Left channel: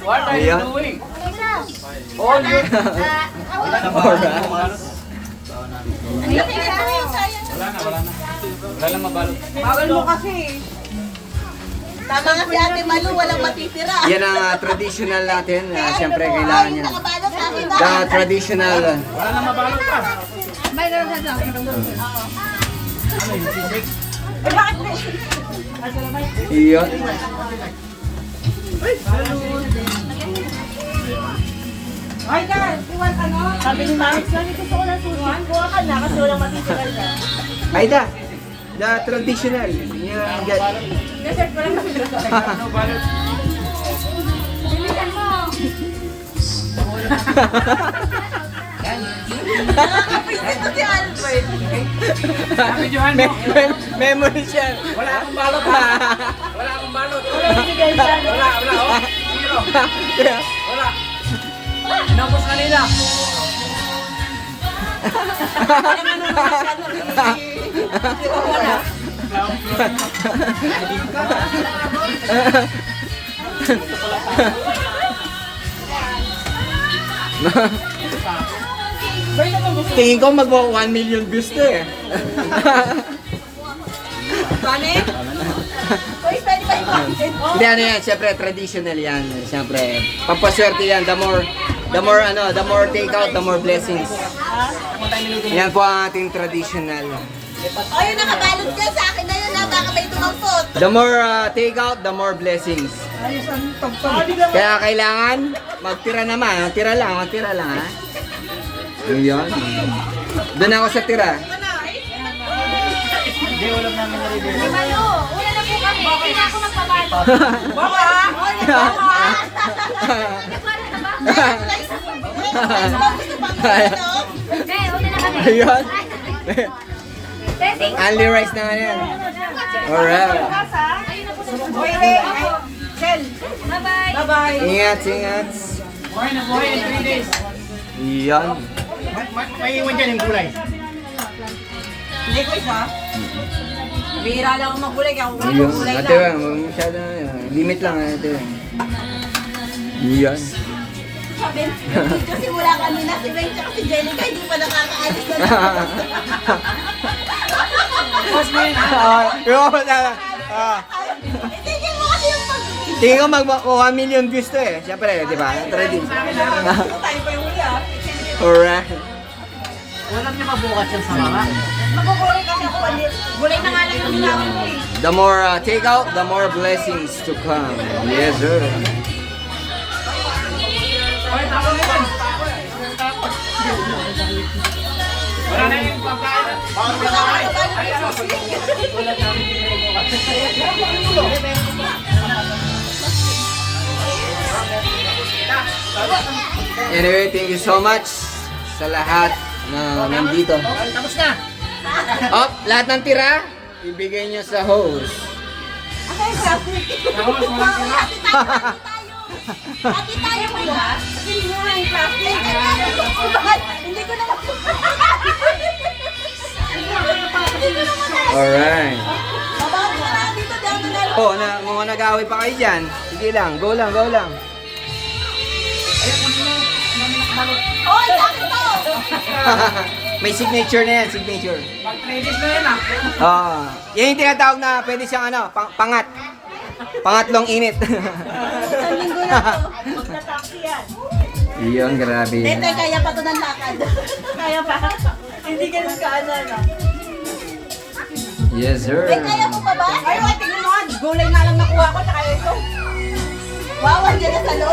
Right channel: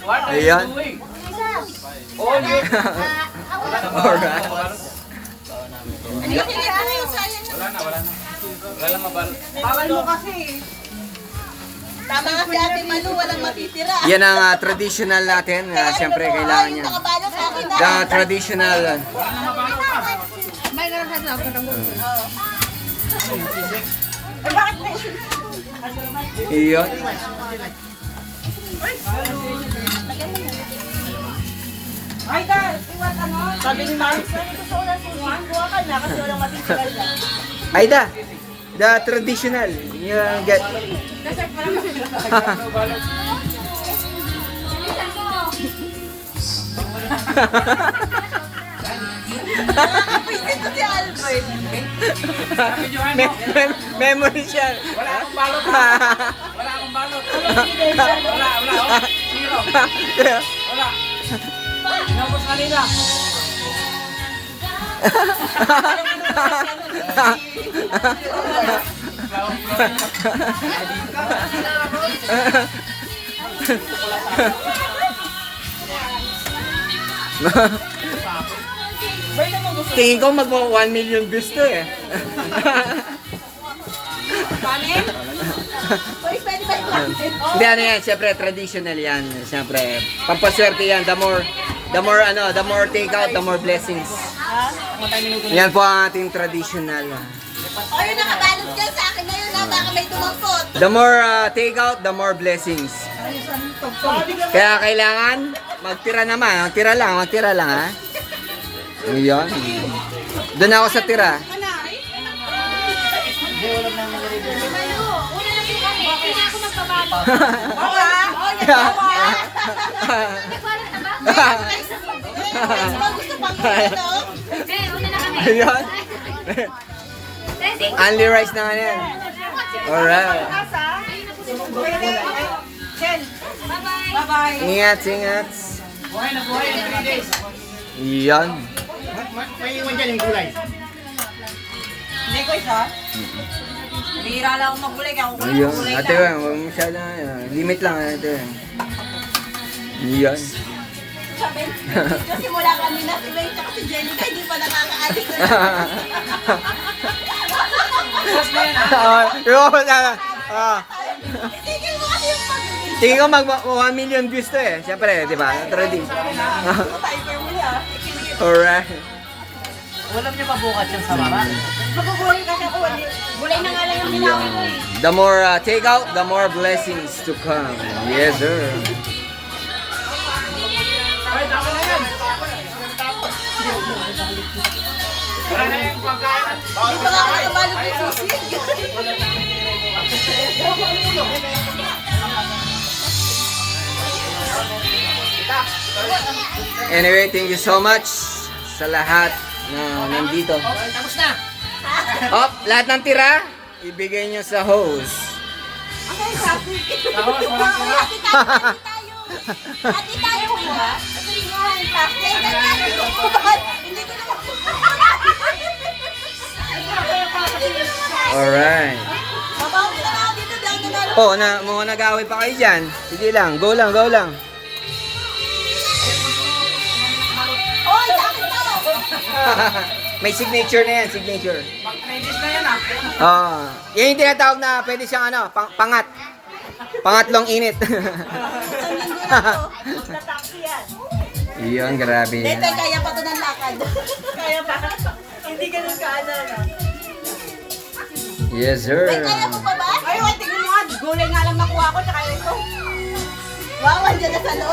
What are you Ayan. doing? Oh, yun. Wala na ba? Wala na. Wala lang mabalot. Bawal mo kasi. Tama nga si Ate Malu, walang matitira. Yan ang traditional natin. Siyempre, Ay, kailangan yung yan. nakabalot sa akin. The traditional. Wala na mabalot pa. Eh, bakit na? Iya. Ay, Dar, iwan ano? Sabi ni Mami, ito sa una si Juan, buha ka na kasi walang matitira dyan. Aida. The traditional. Yung get. Kasi parang kasi Ano balot? Nakakapwisit to si Albert. Sabi Johan mo. Memory siya. Wala akong balot ha. Wala akong balot. Wala, oh. Zero. Wala. Inabot kanina. Tingin ko mag 1 million views to eh. Kanin? Uy, pwede ba ito? Hindi ano yan, siyempre traditional yan. Siyempre, pampaswerte yan. The more take out, the more blessings. Yan po ang ating traditional. O, yung nakabalot dyan sa akin na yun na baka may tumangkot. The more take out, the more blessings. Kaya kailangan magtira naman, magtira lang ha. Ayan. Doon ako sa tira. Di Malu, una na po kami. Bakit na ako magpabalo? Boka! Oy, nagbawa! Gusto pang ano? Ayan. Only rice naman yan. Alright. Pwede. Shell. Bye-bye. Ingat. Buhay na buhay in 3 days. Iyan. May iwan dyan yung gulay. Hindi ko isa. Bira lang ako maggulay, kaya ako Iyan. maggulay Ate lang. Weng, huwag masyado na yan. Limit lang Ate Weng. Iyan. Sabi, video simula kami na si Weng tsaka si Jenica, hindi pa nakakaalis na Sige mo kasi yung pag-video. Tingin ko mag 1 million views to eh. Siyempre, di ba? Trading. Tayo pa yung huli ah. Alright. Ulam niyo mabukas yan sa mama. Magugulay kasi ako. Gulay na nga lang yung namin eh. The more take out, the more blessings to come. Yes, sir. Wala na yung pagkain. Wala ka nakabalot yung susi. Anyway, thank you so much sa lahat na nandito. Tapos na. Up, lahat ng tira, ibigay nyo sa host. Ako sa Tapos walang sira. Ate tayo mo ba? Kasi nga yung plastic. Hindi ko na lang. Alright. Babaw ko na dito dyan na lang. Oh, mga nag-away pa kayo dyan. Sige lang, go lang. Oy, akin to! May signature na yan, signature. Pag-3 days na yan ah. Yan yung tinatawag na pwede siyang pangat. Pangatlong init. Isang linggo na to. Magta-taxi yan. Iyon, grabe. Dete, kaya pa to ng lakad. Kaya pa. Hindi ganun kaano, no? Yes, sir. May kaya mo pa ba? Ay, tingnan mo nga. Gulay nga lang nakuha ko, tsaka ito. Wow, andyan na sa loob.